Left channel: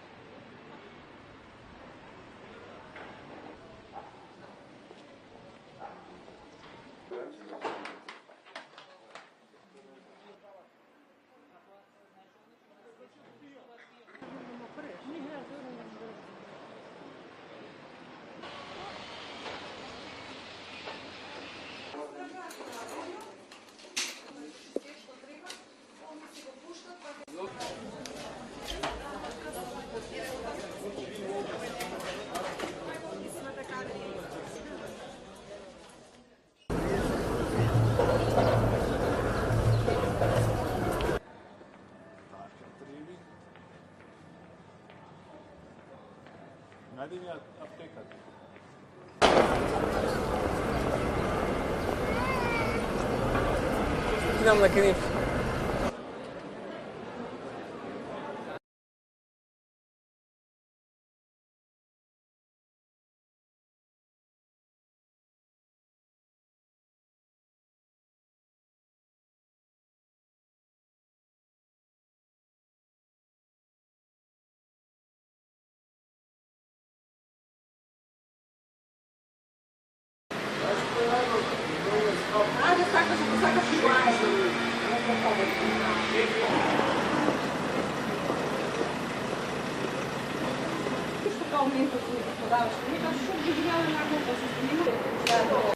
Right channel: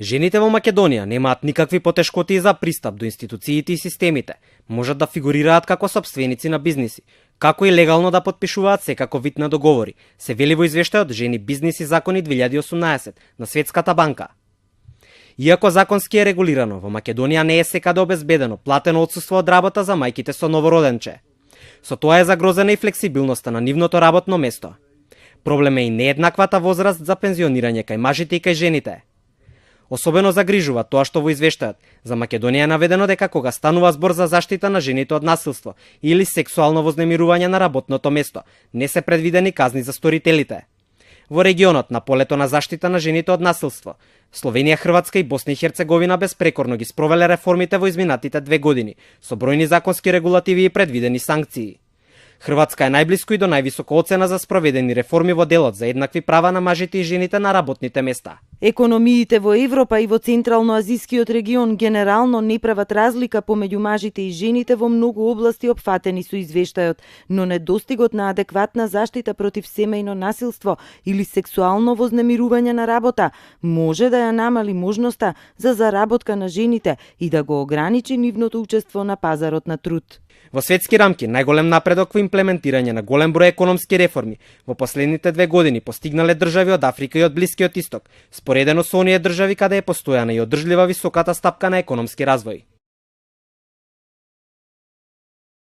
Жените во Македонија немаат никакви потешкоти за пристап до институциите и системите. Можат да фигурираат како сопственици на бизниси, како и легално да потпишуваат секако вид на договори, се вели во извештајот Жени, бизнис и закони 2018 на Светската банка. Иако законски е регулирано, во Македонија не е секаде обезбедено платено отсуство од работа за мајките со новороденче. Со тоа е загрозена и флексибилноста на нивното работно место. Проблем е и нееднаквата возраст за пензионирање кај мажите и кај жените. Особено загрижува тоа што во извештајот за Македонија е наведено дека кога станува збор за заштита на жените од насилство или сексуално вознемирување на работното место, не се предвидени казни за сторителите. Во регионот на полето на заштита на жените од насилство, Словенија, Хрватска и Босна и Херцеговина безпрекорно ги спровеле реформите во изминатите 2 години, со бројни законски регулативи и предвидени санкции. Хрватска е најблиску и до највисока оцена за спроведени реформи во делот за еднакви права на мажите и жените на работните места. Економиите во Европа и во Централно-азискиот регион генерално не прават разлика помеѓу мажите и жените во многу области опфатени со извештајот, но недостигот на адекватна заштита против семејно насилство или сексуално вознемирување на работа може да ја намали можноста за заработка на жените и да го ограничи нивното учество на пазарот на труд. Во светски рамки, најголем напредок во имплементирање на голем број економски реформи во последните 2 години постигнале држави од Африка и од Блискиот Исток, споредено со оние држави каде е постојана и одржлива високата стапка на економски развој.